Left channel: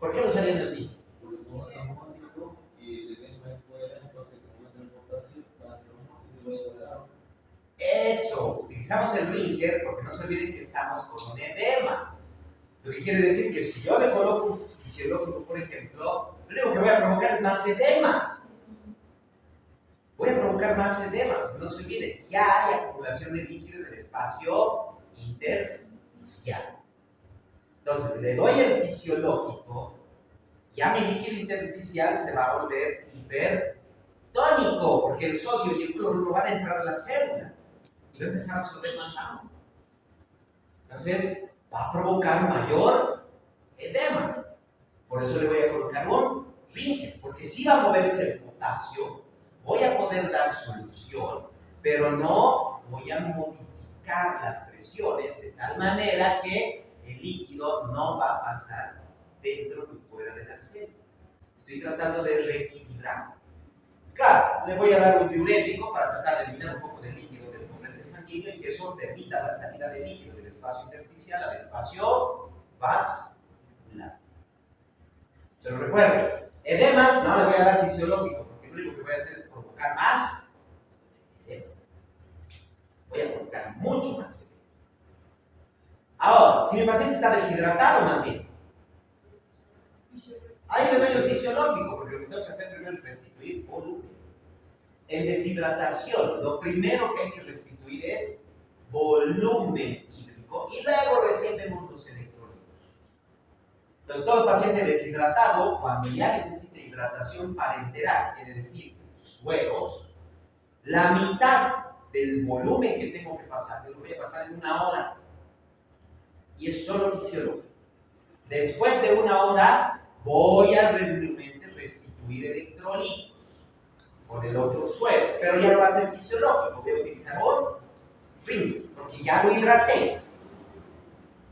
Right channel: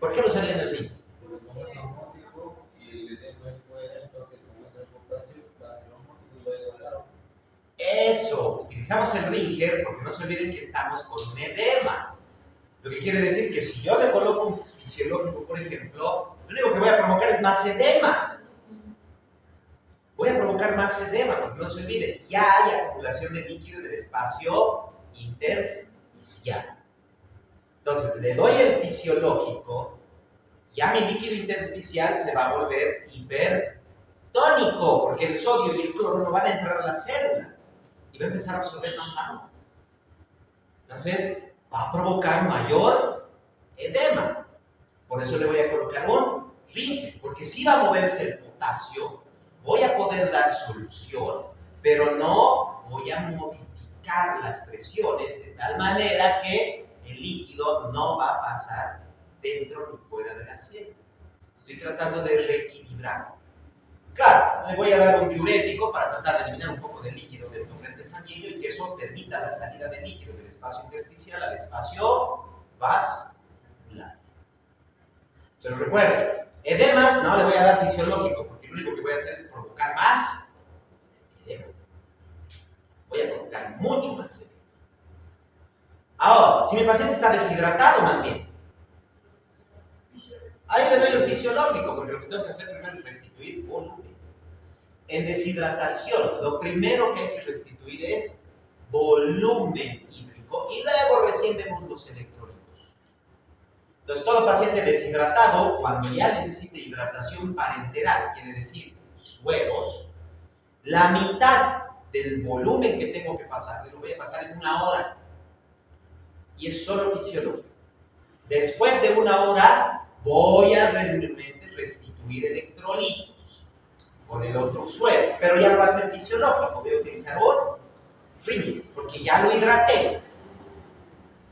¿Por qué no usaría en el rígido? Porque como es osmótico y el edema es fuera, entonces como es el potasio, va a ser osmótico y va a igualar. Eso, utilizamos el Ringer porque no se olviden que estamos con un edema. Lo que quiere decir que si yo le coloco un fisiológico, por ejemplo, lo único que voy a provocar es más edemas. Voy a provocar más edema, porque no se olvide, ya hay acumulación de líquido en el espacio intersticial. Entonces, le doy el fisiológico, ya mi líquido intersticial se va a volver hipertónico, porque el sodio y el cloro no van a entrar a la célula y va a empezar a absorber más agua. Entonces, va a provocar mayor edema. Por eso le voy a colocar un Ringer, porque si va a moverse el potasio, voy a poder dar solución, pero no voy a modificar las presiones de tal manera que el líquido no va a pasar dentro ni fuera de la célula. Estoy tratando de reequilibrar. Claro, le voy a dar un diurético para tratar de eliminar un poco de líquido del torrente sanguíneo y que eso permita la salida de líquido del espacio intersticial al espacio vascular. Pero recuerden, edemas no le voy a dar fisiológico, porque lo único que voy a hacer es provocar más edema. Voy a provocar mucho más edema. Ahora, si mi paciente está deshidratado más bien, ahí le doy el fisiológico, porque lo que tengo que hacer primero es restituir volumen. En deshidratación, lo primero que hay que restituir es volumen hídrico y luego recién vemos los electrolitos. Entonces, todo paciente deshidratado, cuando ya necesite hidratación parenteral, quiere decir sueros, la mitad del volumen que tengo que pasar, lo voy a pasar en 1 hora, y es solo fisiológico. Después de 1 hora, voy a realmente restituir electrolitos con el otro suero, pero ya no va a ser fisiológico, voy a utilizar un Ringer, porque ya lo hidraté,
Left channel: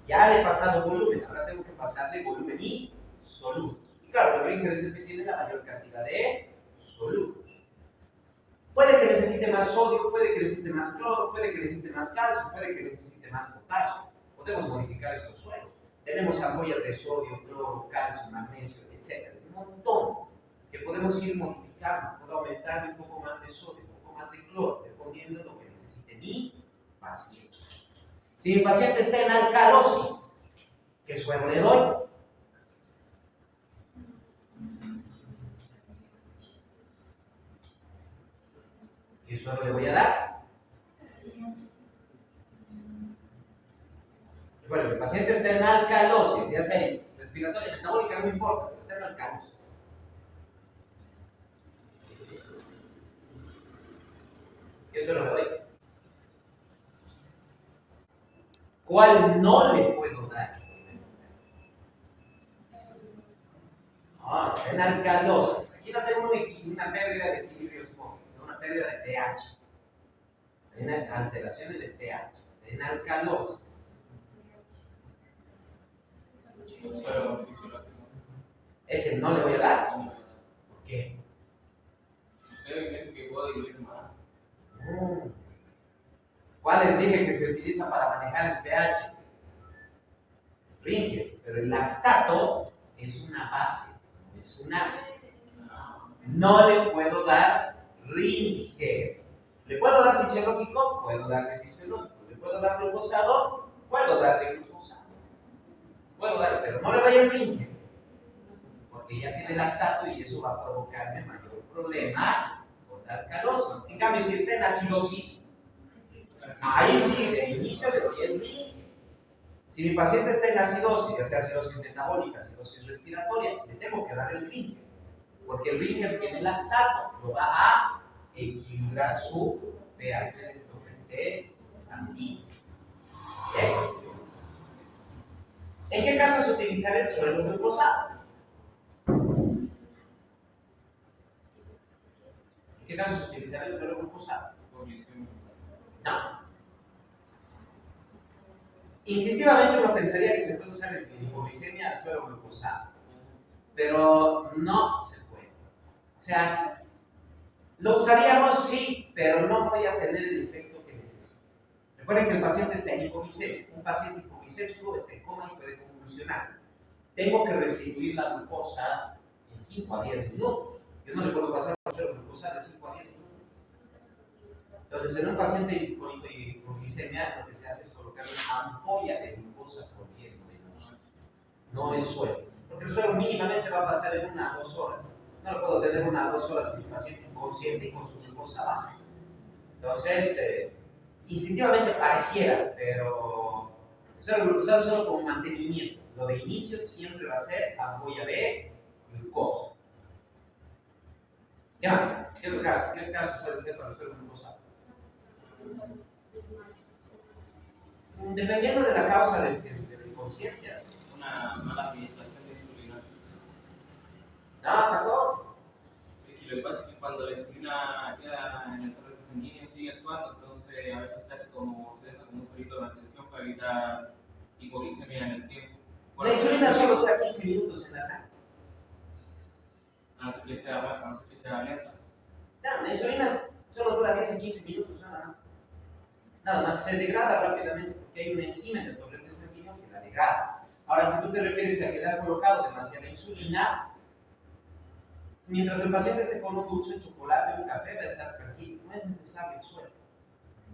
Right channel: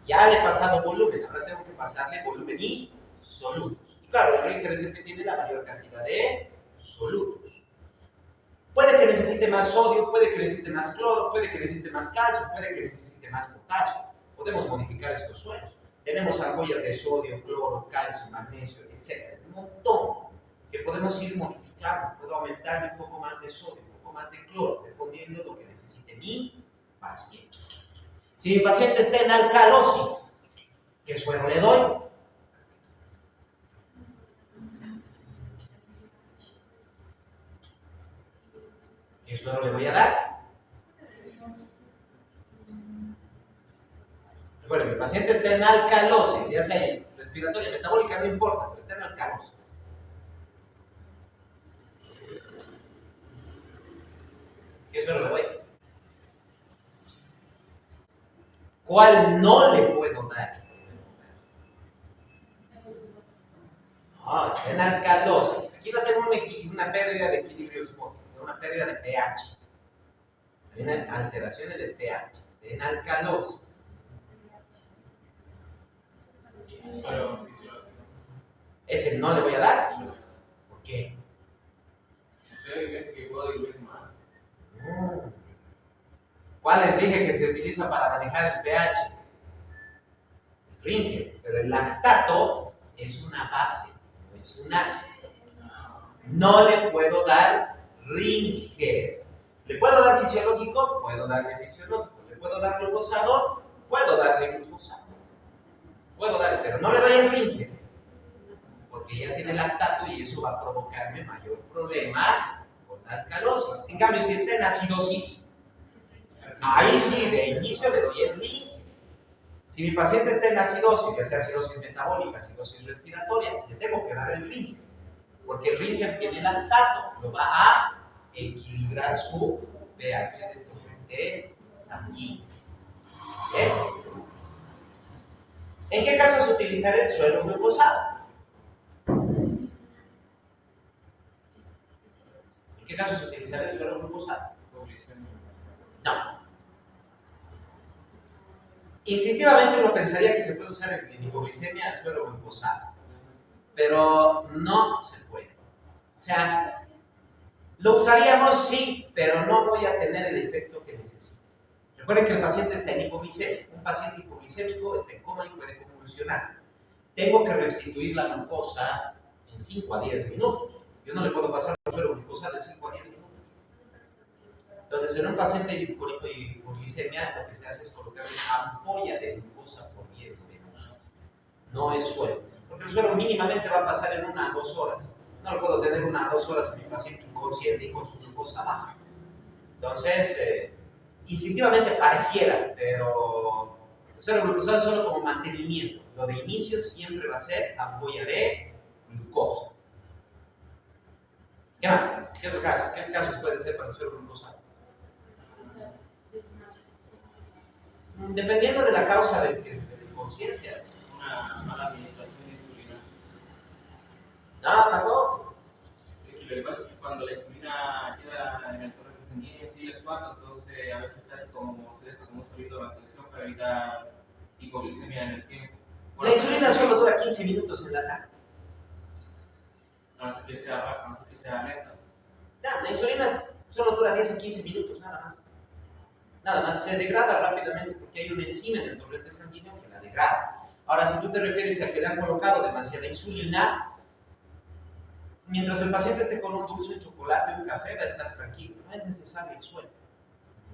ya le he pasado volumen, ahora tengo que pasarle volumen y solutos. Y claro, el Ringer es el que tiene la mayor cantidad de solutos. Puede que necesite más sodio, puede que necesite más cloro, puede que necesite más calcio, puede que necesite más potasio. Podemos modificar estos sueros. Tenemos ampollas de sodio, cloro, calcio, magnesio, etc. Un montón que podemos ir modificando. Puedo aumentarle un poco más de sodio, un poco más de cloro, dependiendo de lo que necesite mi paciente. Si mi paciente está en alcalosis, ¿qué suero le doy? ¿Qué suero le voy a dar? Bueno, mi paciente está en alcalosis, ya sea respiratoria, metabólica, no importa, pero está en alcalosis. ¿Qué suero le doy? ¿Cuál no le puedo dar? No, está en alcalosis. Aquí no tengo una pérdida de equilibrio osmótico, una pérdida de pH. Hay una alteraciones de pH. Está en alcalosis. Suelo fisiológico. Ese no le voy a dar. ¿Por qué? Es que puedo diluir más. ¿Cuál les dije que se utiliza para manejar el pH? Ringer, pero el lactato es una base, no es un ácido. No le puedo dar Ringer. ¿Le puedo dar fisiológico? Puedo darle fisiológico. ¿Le puedo dar glucosador? Puedo darle glucosador. Puedo darle, pero no le doy el Ringer, porque ya tiene lactato y eso va a provocarme mayor problema con la alcalosis. En cambio, si está en acidosis, ahí sí, de inicio le doy el Ringer. Si mi paciente está en acidosis, ya sea acidosis metabólica, acidosis respiratoria, le tengo que dar el Ringer, porque el Ringer tiene lactato, lo va a equilibrar su pH del torrente sanguíneo. ¿Bien? ¿En qué casos utilizar el suero glucosado? ¿En qué casos utilizar el suero glucosado? No. Instintivamente uno pensaría que se puede usar en hipoglicemia el suero glucosado, pero no se puede. O sea, lo usaríamos sí, pero no voy a tener el efecto que necesito. Recuerden que el paciente está en hipoglicemia. Un paciente hipoglicémico está en coma y puede convulsionar. tengo que restituir la glucosa en 5 a 10 minutos. Yo no le puedo pasar un suero glucosa de 5 a 10 minutos. Entonces, en un paciente con hipoglicemia, lo que se hace es colocar una ampolla de glucosa por vía venosa. No es suero. Porque el suero mínimamente va a pasar en 1 a 2 horas. No lo puedo tener 1 a 2 horas en mi paciente inconsciente y con su glucosa baja. Entonces, instintivamente pareciera, pero el suero glucosado es solo como mantenimiento. Lo de inicio siempre va a ser ampolla de glucosa. ¿Qué más? ¿Qué otro caso? ¿Qué casos pueden ser para el suero glucosado? Dependiendo de la causa de la inconsciencia. Una mala administración de insulina. No, tampoco. Lo que pasa es que cuando la insulina queda en el torrente sanguíneo y sigue actuando, entonces a veces se hace como, se deja como un solito de mantención para evitar hipoglicemia en el tiempo. La insulina solo dura 15 minutos en la sangre. A no ser que sea baja, a no ser que sea lenta. No, la insulina solo dura 10 a 15 minutos, nada más. Nada más, se degrada rápidamente porque hay una enzima en el torrente sanguíneo que la degrada. Ahora, si tú te refieres a que le han colocado demasiada insulina, mientras el paciente esté con un dulce, un chocolate, un café, va a estar tranquilo. No es necesario el suero.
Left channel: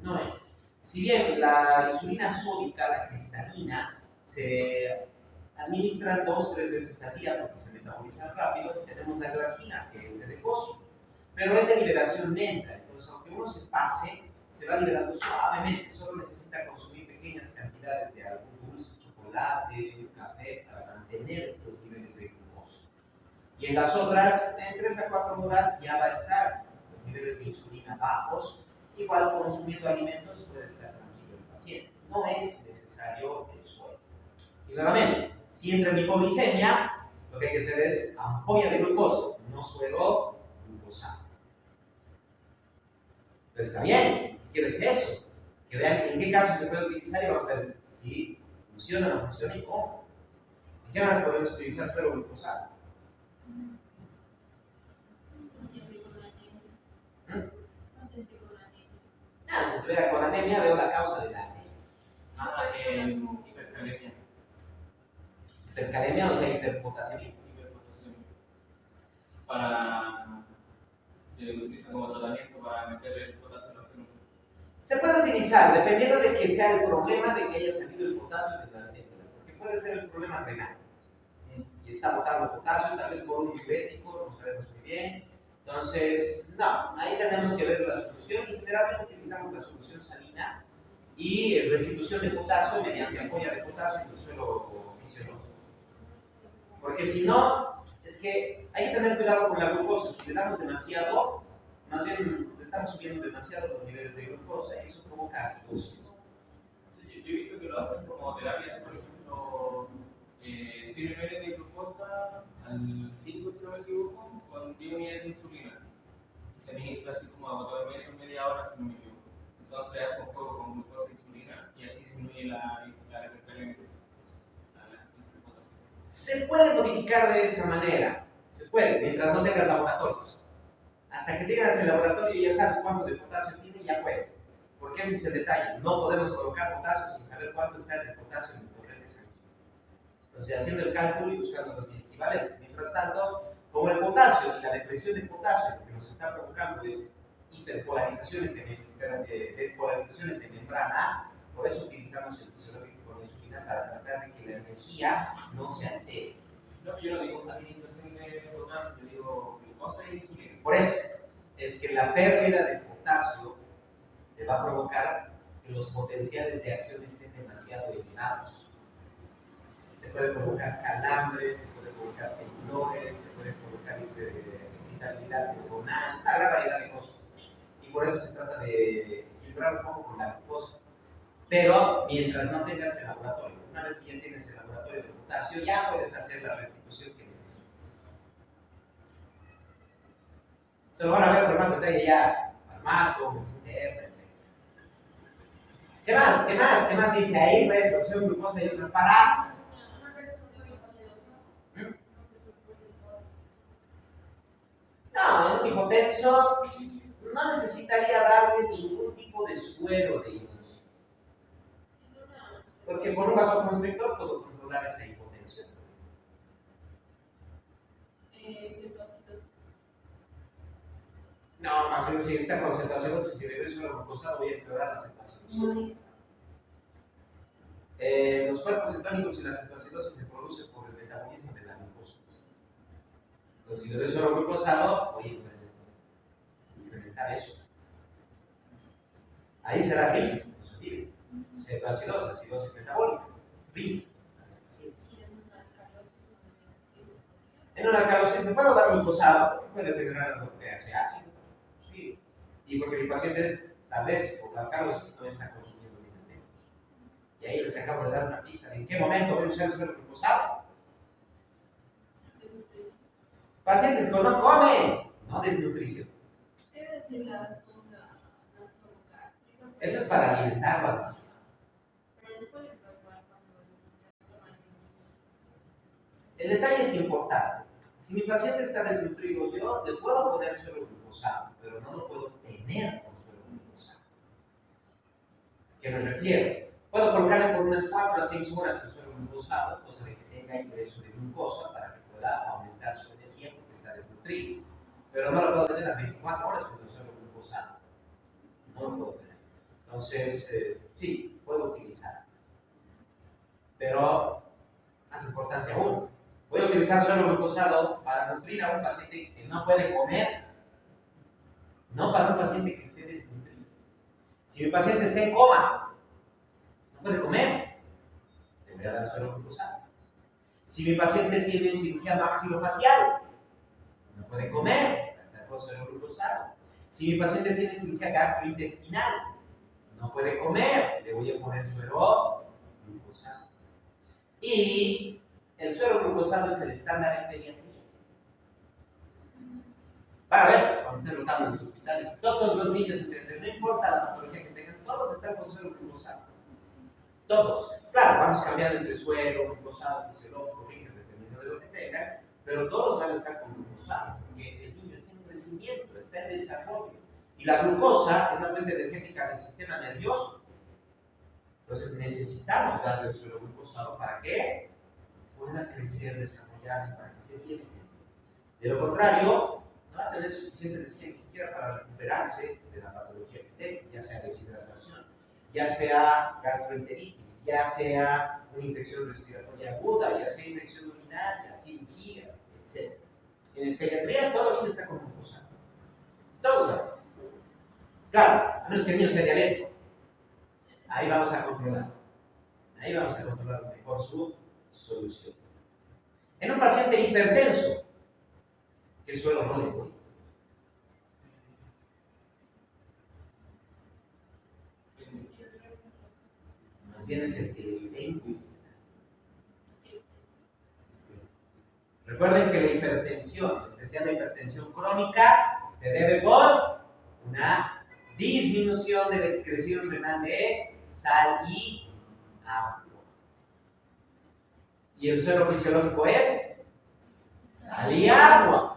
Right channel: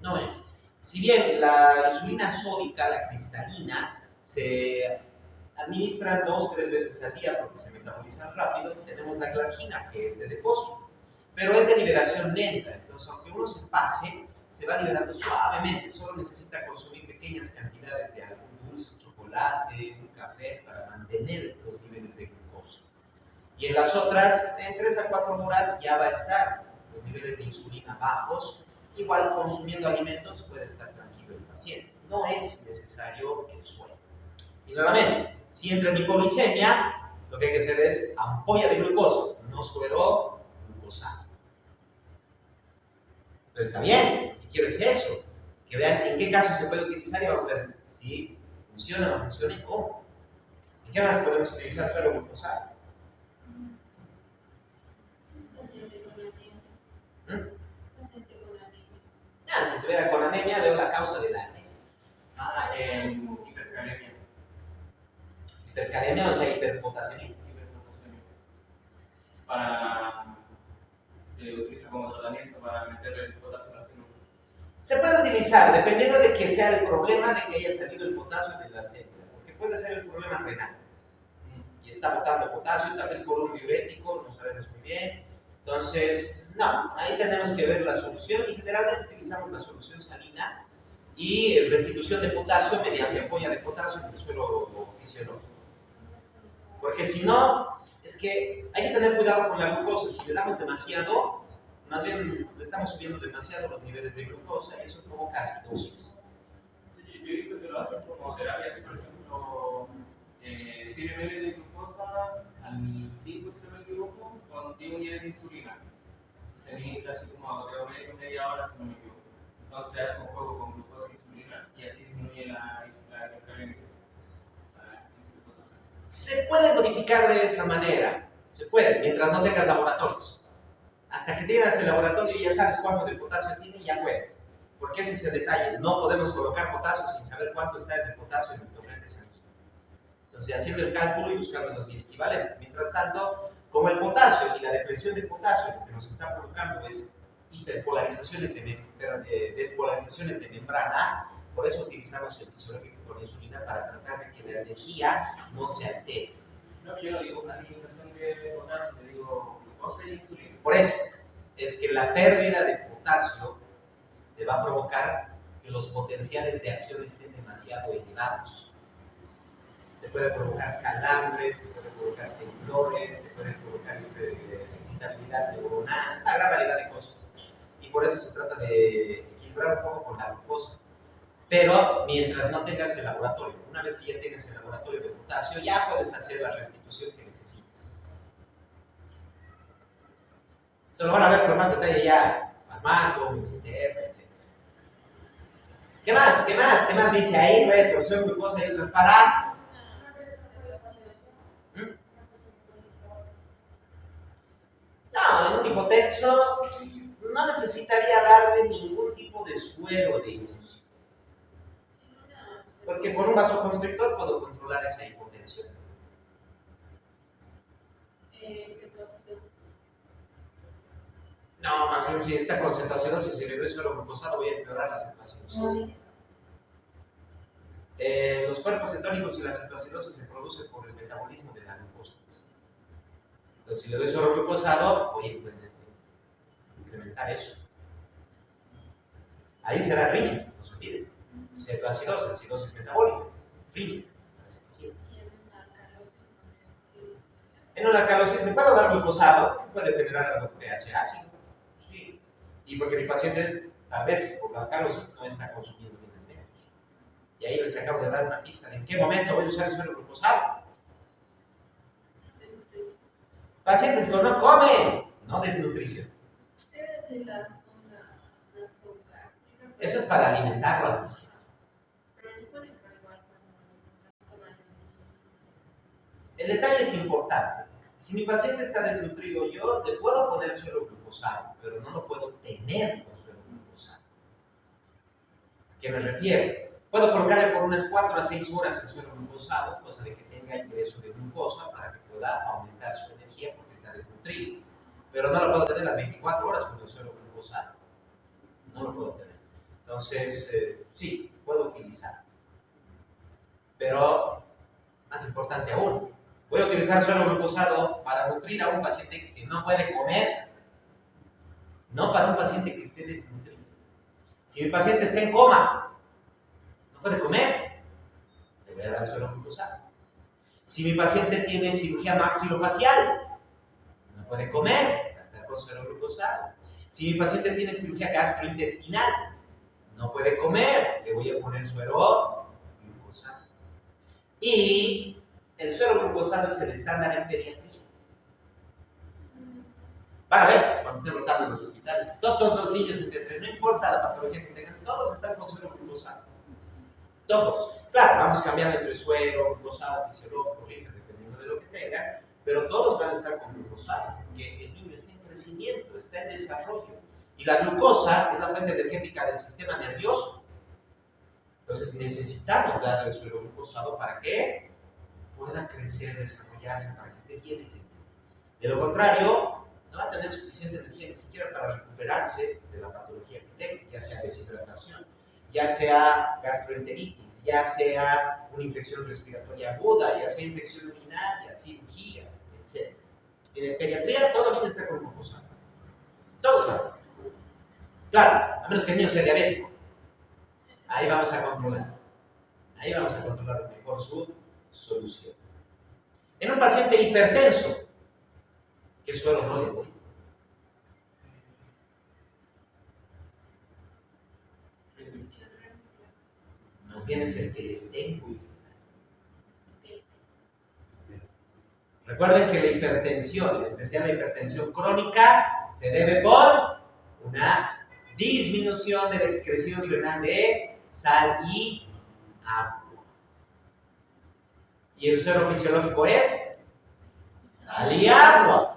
No es. Si bien la insulina sódica, la cristalina, se administra 2-3 veces al día porque se metabolizan rápido, tenemos la glargina, que es de depósito, pero es de liberación lenta. Entonces, aunque uno se pase, se va liberando suavemente. Solo necesita consumir pequeñas cantidades de algún dulce, chocolate, un café para mantener los niveles de glucosa. Y en las otras, en 3 a 4 horas ya va a estar los niveles de insulina bajos. Igual consumiendo alimentos puede estar tranquilo el paciente. No es necesario el suero. Y nuevamente, si entra en hipoglicemia, lo que hay que hacer es ampolla de glucosa, no suero glucosado. Pero está bien, ¿qué quiero decir eso? Que vean en qué casos se puede utilizar y vamos a ver si funciona o no funciona y cómo. ¿En qué más podemos utilizar suero glucosado? Si estuviera con anemia, veo la causa de la anemia. Hipercalemia. Hipercalemia, o sea, hiperpotasemia. Hiperpotasemia. Se utiliza como tratamiento para meterle el potasio a la célula. Se puede utilizar, dependiendo de que sea el problema de que haya salido el potasio de la célula, porque puede ser el problema renal. Y está botando potasio, tal vez por un diurético, no sabemos muy bien. Entonces, no, ahí tenemos que ver la solución y generalmente utilizamos la solución salina y restitución de potasio mediante ampolla de potasio en el suelo fisiológico. Porque si no, es que hay que tener cuidado con la glucosa. Si le damos demasiado, más bien le estamos subiendo demasiado los niveles de glucosa y eso provoca acidosis. Sí, yo he visto que lo hacen como terapias, por ejemplo, 100 ml de glucosa al 5, si no me equivoco, con 10 unidades de insulina. Se administra así como a goteo medio, media hora, si no me equivoco. Entonces hace un juego con glucosa e insulina y así disminuye la hipercalemia. Se puede modificar de esa manera, se puede, mientras no tengas laboratorios. Hasta que tengas el laboratorio y ya sabes cuánto de potasio tiene, ya puedes. Porque ese es el detalle, no podemos colocar potasio sin saber cuánto está el potasio en el torrente sanguíneo. Entonces, haciendo el cálculo y buscando los equivalentes. Mientras tanto, como el potasio y la depresión de potasio lo que nos está provocando es hiperpolarizaciones despolarizaciones de membrana, por eso utilizamos el fisiológico con insulina para tratar de que la energía no se altere. No, yo no digo administración de potasio, le digo glucosa e insulina. Por eso, es que la pérdida de potasio te va a provocar que los potenciales de acción estén demasiado elevados. Te puede provocar calambres, te puede provocar temblores, te puede provocar excitabilidad neuronal, una gran variedad de cosas. Y por eso se trata de equilibrar un poco con la glucosa. Pero mientras no tengas el laboratorio, una vez que ya tienes el laboratorio de potasio, ya puedes hacer la restitución que necesites. Eso lo van a ver con más detalle ya, Almaco, Mesinterra, etc. ¿Qué más? ¿Qué más? ¿Qué más dice ahí? Pues, solución glucosa y otras para... No, en un hipotenso no necesitaría darle ningún tipo de suero de inicio. Porque con un vasoconstrictor puedo controlar esa hipotensión. cetoacidosis. No, más bien si esta concentración, si le doy suero glucosado, voy a empeorar la cetoacidosis. Sí. Los cuerpos cetónicos y la cetoacidosis se producen por el metabolismo de la glucosa. Entonces, si le doy suero glucosado, voy a incrementar eso. Ahí será rígido, no se olviden. Cetoacidosis, acidosis metabólica, rígido. En una alcalosis le puedo dar glucosado, puede generar algo de pH ácido. Sí. Y porque mi paciente, tal vez por la alcalosis, no está consumiendo alimentos. Y ahí les acabo de dar una pista de en qué momento voy a usar el suero glucosado. Pacientes que no comen, no desnutrición. Debe ser la sonda nasogástrica. Eso es para alimentarlo al paciente. Pero les puede entrar igual cuando El detalle es importante. Si mi paciente está desnutrido, yo le puedo poner suero glucosado, pero no lo puedo tener con suero glucosado. ¿A qué me refiero? Puedo colocarle por unas 4 a 6 horas el suero glucosado, cosa de que tenga ingreso de glucosa para que pueda aumentar su energía porque está desnutrido. Pero no lo puedo tener las 24 horas con el suero glucosado. No lo puedo tener. Entonces, sí, puedo utilizar. Pero, más importante aún, voy a utilizar suero glucosado para nutrir a un paciente que no puede comer, no para un paciente que esté desnutrido. Si mi paciente está en coma, no puede comer, le voy a dar suero glucosado. Si mi paciente tiene cirugía maxilofacial, no puede comer, gastar con suero glucosado. Si mi paciente tiene cirugía gastrointestinal, no puede comer, le voy a poner suero glucosado. Y el suero glucosado es el estándar en pediatría. Van a ver, cuando estén rotando en los hospitales, todos los niños, no importa la patología que tengan, todos están con suero glucosado. Todos. Claro, vamos cambiando entre suero, glucosado, fisiológico, dependiendo de lo que tengan, pero todos van a estar con glucosado, porque el niño está en crecimiento, está en desarrollo. Y la glucosa es la fuente energética del sistema nervioso. Entonces necesitamos darle el suero glucosado para que pueda crecer, desarrollarse, para que esté bien ese niño. De lo contrario, no va a tener suficiente energía ni siquiera para recuperarse de la patología que tenga, ya sea deshidratación, ya sea gastroenteritis, ya sea una infección respiratoria aguda, ya sea infección urinaria, cirugías, etc. En pediatría todo el niño está con glucosa. Todos van a estar. Claro, a menos que el niño sea diabético. Ahí vamos a controlar. Ahí vamos a controlar mejor su solución. En un paciente hipertenso, ¿qué suero no le doy? Más bien es el que le tengo. Recuerden que la hipertensión, en especial la hipertensión crónica, se debe por una disminución de la excreción renal de sal y agua. Y el suero fisiológico es sal y agua.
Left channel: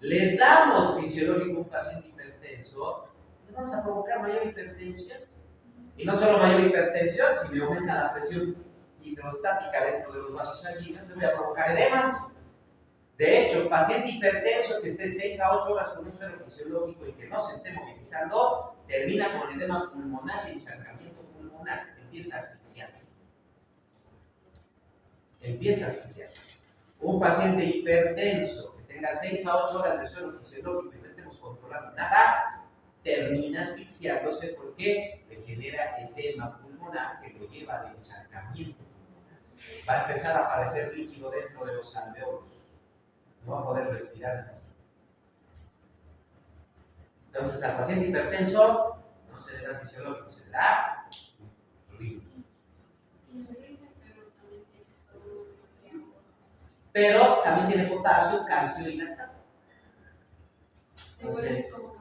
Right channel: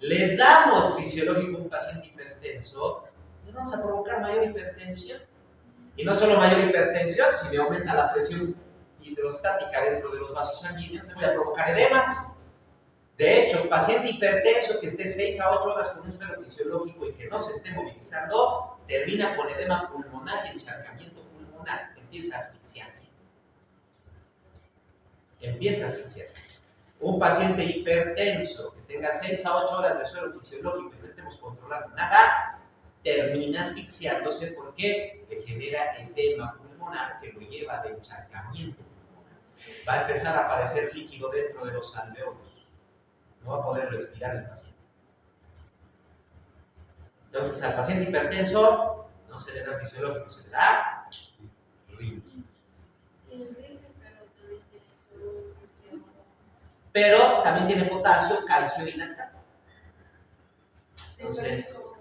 Le damos fisiológico a un paciente hipertenso, le vamos a provocar mayor hipertensión. Y no solo mayor hipertensión, si me aumenta la presión hidrostática dentro de los vasos sanguíneos, me voy a provocar edemas. De hecho, el paciente hipertenso que esté 6 a 8 horas con un suero fisiológico y que no se esté movilizando, termina con edema pulmonar y encharcamiento pulmonar. Empieza a asfixiarse. Empieza a asfixiarse. Un paciente hipertenso que tenga 6 a 8 horas de suero fisiológico y no estemos controlando nada, termina asfixiándose porque le genera edema pulmonar que lo lleva de encharcamiento pulmonar. Va a empezar a aparecer líquido dentro de los alveolos. No va a poder respirar el paciente. Entonces, al paciente hipertenso no se le da fisiológico, se le da ringue. Pero también tiene potasio, calcio y lactato. Entonces,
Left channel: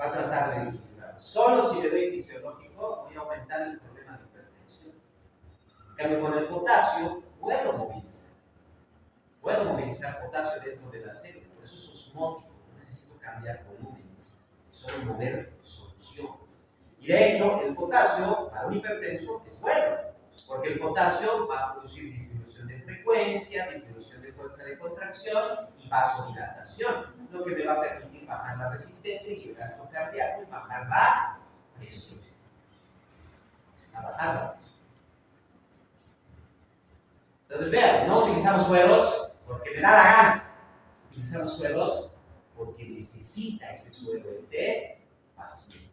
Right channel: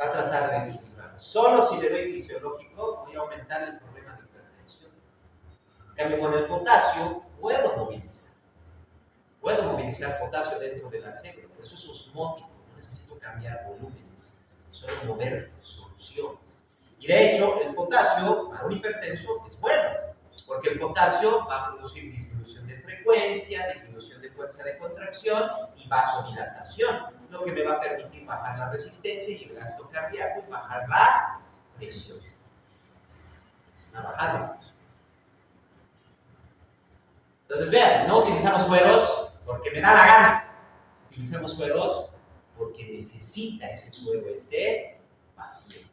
va a tratar de equilibrarlo. Solo si le doy fisiológico, voy a aumentar el problema de hipertensión. En cambio, con el potasio, puedo movilizar. Puedo movilizar potasio dentro de la célula. Por eso es osmótico. No necesito cambiar volúmenes. Solo mover soluciones. Y de hecho, el potasio para un hipertenso es bueno. Porque el potasio va a producir disminución de frecuencia, disminución de fuerza de contracción y vasodilatación, lo que me va a permitir bajar la resistencia y el gasto cardíaco y bajar la presión. A bajar la presión. Entonces, vean, no utilizamos sueros porque me da la gana. Utilizamos sueros porque necesita ese suero este paciente.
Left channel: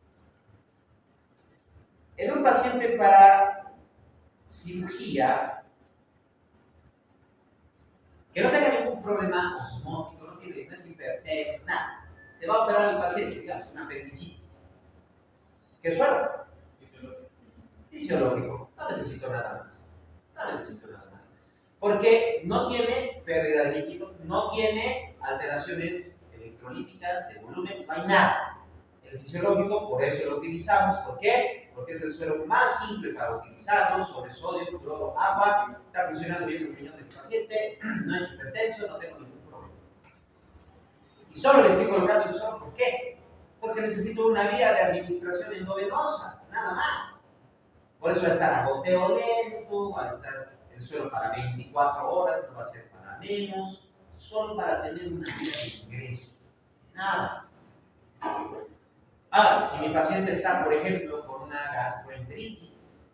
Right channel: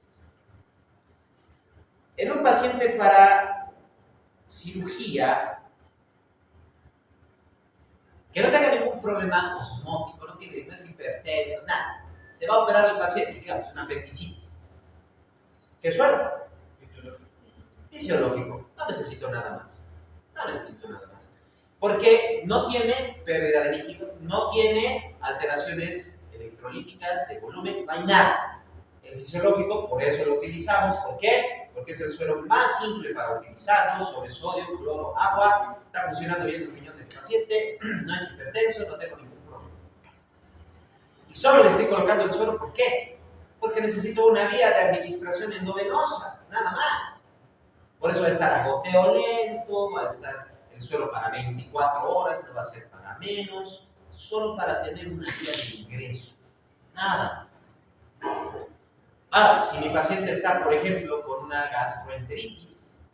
En un paciente para cirugía que no tenga ningún problema osmótico, no es hipertenso, nada. Se va a operar el paciente, digamos, una apendicitis. ¿Qué suero? Fisiológico. No necesito nada más. No necesito nada más. Porque no tiene pérdida de líquido, no tiene alteraciones electrolíticas, de volumen, no hay nada. El fisiológico, por eso lo utilizamos. ¿Por qué? Porque es el suero más simple para utilizarlo, sobre sodio, cloro, agua. Está funcionando bien el riñón del paciente, no es hipertenso, no tengo ningún problema. Y solo le estoy colocando el suero, ¿por qué? Porque necesito una vía de administración endovenosa, nada más. Por eso va a estar a goteo lento, va a estar el suero para 24 horas, no va a ser para menos, solo para tener una vía de ingreso, nada más. Ahora, si mi paciente está, por ejemplo, con una gastroenteritis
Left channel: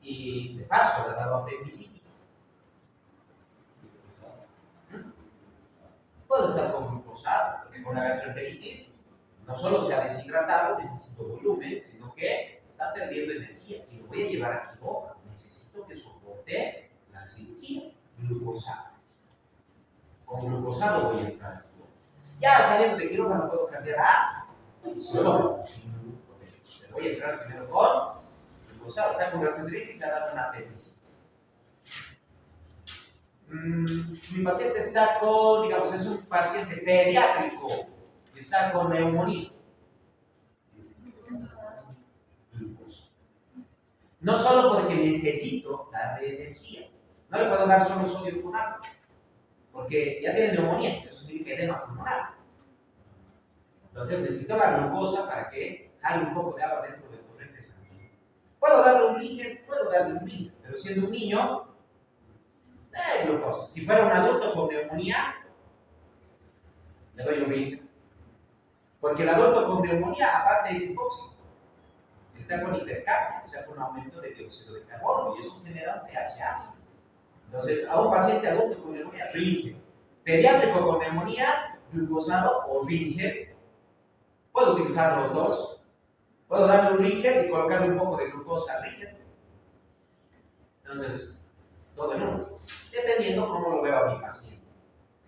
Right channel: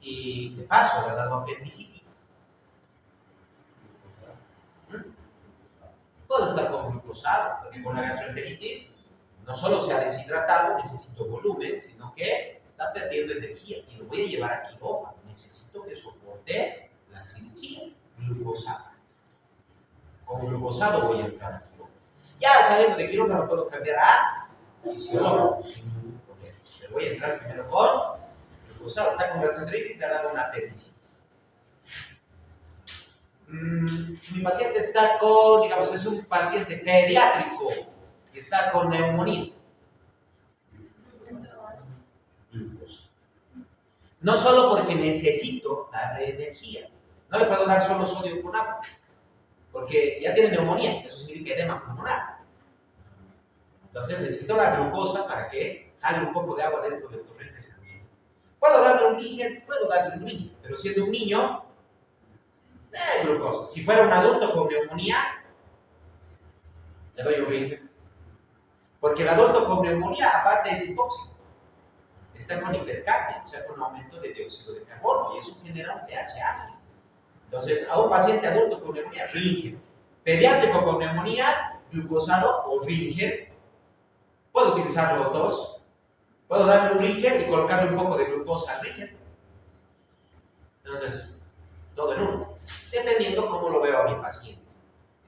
y de paso le ha dado apendicitis, puedo estar con glucosado, porque con la gastroenteritis no solo se ha deshidratado, necesito volumen, sino que está perdiendo energía y lo voy a llevar a quirófano. Necesito que soporte la cirugía, glucosado. Con glucosado voy a entrar a quirófano. Ya saliendo de quirófano puedo cambiar a fisiológico, sin ningún problema. Pero voy a entrar primero con glucosado. Está con gastroenteritis, le ha dado una apendicitis. Si mi paciente está con, digamos, es un paciente pediátrico y está con neumonía, glucosa. No solo porque necesito darle energía, no le puedo dar solo sodio con agua, porque ya tiene neumonía, eso significa edema pulmonar. Entonces necesito la glucosa para que jale un poco de agua dentro del torrente sanguíneo. ¿Puedo darle un Ringer? Puedo darle un Ringer, pero siendo un niño, glucosa. Si fuera un adulto con neumonía, le doy un Ringer. Porque el adulto con neumonía, aparte es hipóxico, está con hipercapnia, o sea, con aumento de dióxido de carbono, y eso genera un pH ácido. Entonces, a un paciente adulto con neumonía, Ringer. Pediátrico con neumonía, glucosado o Ringer. Puedo utilizar los dos. Puedo darle un Ringer y colocarle un poco de glucosa al Ringer. Entonces, todo en uno. Dependiendo cómo lo veo a mi paciente.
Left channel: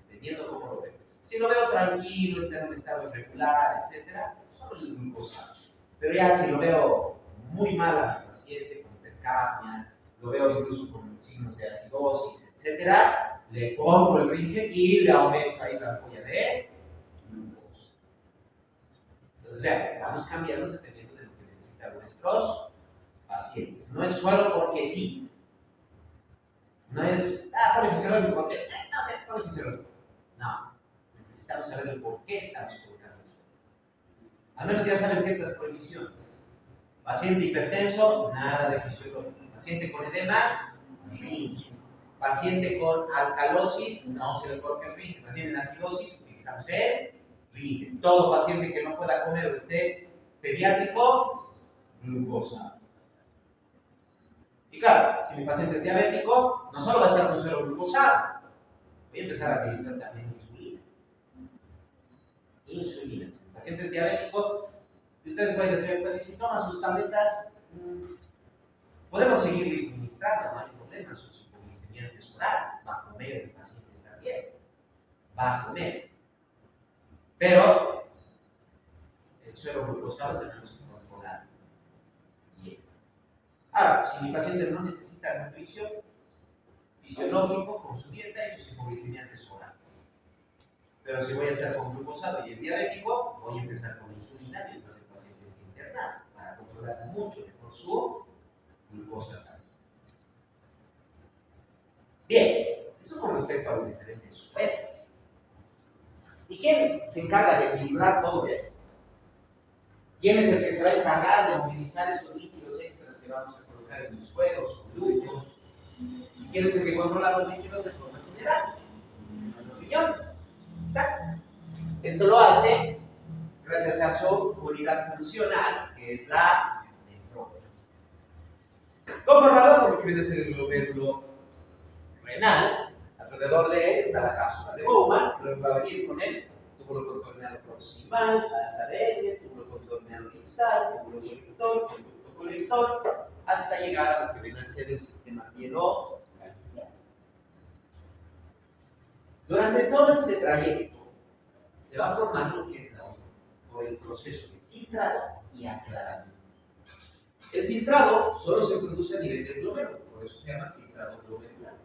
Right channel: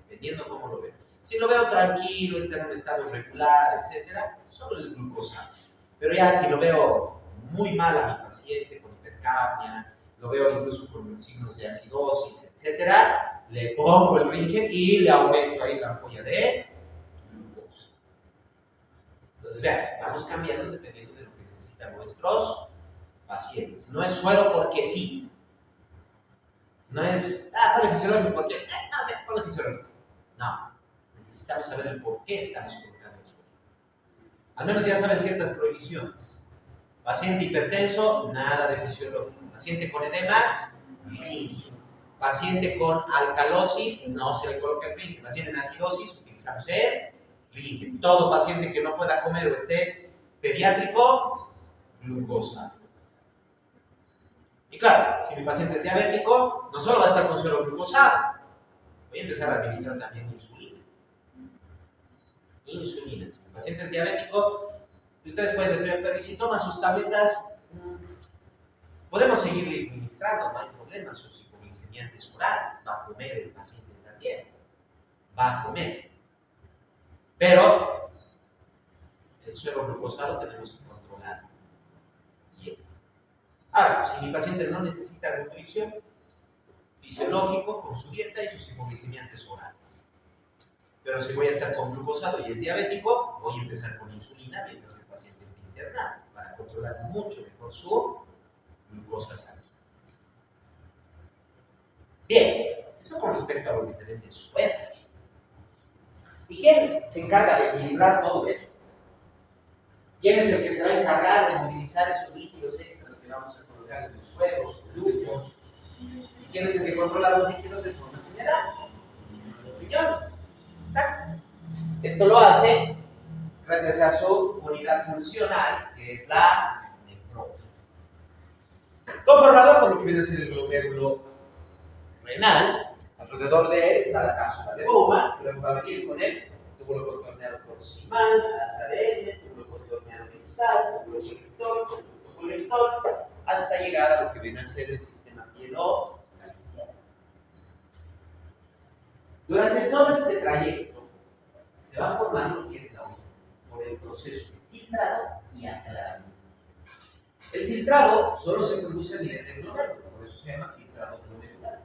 Dependiendo cómo lo veo. Si lo veo tranquilo, está en un estado irregular, etc., solo el glucosado. Pero ya si lo veo muy mal a mi paciente, con hipercapnia, lo veo incluso con signos de acidosis, etc., le pongo el Ringer y le aumento ahí la ampolla de glucosa. Entonces, vean, vamos cambiando dependiendo de lo que necesitan nuestros pacientes. No es suero porque sí. No es, ponle fisiológico porque, no sé, ponle fisiológico. No, necesitamos saber el por qué estamos colocando el suero. Al menos ya saben ciertas prohibiciones. Paciente hipertenso, nada de fisiológico. Paciente con edemas, Ringer. Paciente con alcalosis, no se le coloca el Ringer. Paciente en acidosis, utilizamos el Ringer. Todo paciente que no pueda comer o esté pediátrico, glucosa. Y claro, si mi paciente es diabético, no solo va a estar con suero glucosado, voy a empezar a administrar también insulina. Insulina. Si mi paciente es diabético, ustedes pueden decir, pero si toma sus tabletas, podemos seguirle administrando, no hay problema, sus hipoglicemiantes orales, va a comer el paciente también, va a comer. Pero el suero glucosado tenemos que controlar. Bien. Ahora, si mi paciente no necesita nutrición, fisiológico, con su dieta y sus hipoglicemiantes orales. Pero si voy a estar con glucosado y es diabético, voy a empezar con insulina mientras el paciente esté internado, para controlar mucho mejor su glucosa sanguínea. Bien, eso con respecto a los diferentes sueros. ¿Y quién se encarga de equilibrar todo esto? ¿Quién es el que se va a encargar de movilizar esos líquidos extras que vamos a colocar locales de los suelos, ductos. ¿Y quién es el que controla los líquidos de forma general? Los riñones. Exacto. Esto lo hace gracias a su unidad funcional, que es la nefrona. Conformado por lo que viene a ser el glomérulo renal. Alrededor de él está la cápsula de Bowman, luego va a venir con el túbulo contorneado proximal, asa de L, túbulo contorneado distal, túbulo colector, conducto colector, hasta llegar a lo que viene a ser el sistema pielo-calciano. Durante todo este trayecto se va formando lo que es la orina, por el proceso de filtrado y aclaramiento. El filtrado solo se produce a nivel del glomérulo, por eso se llama filtrado glomerular.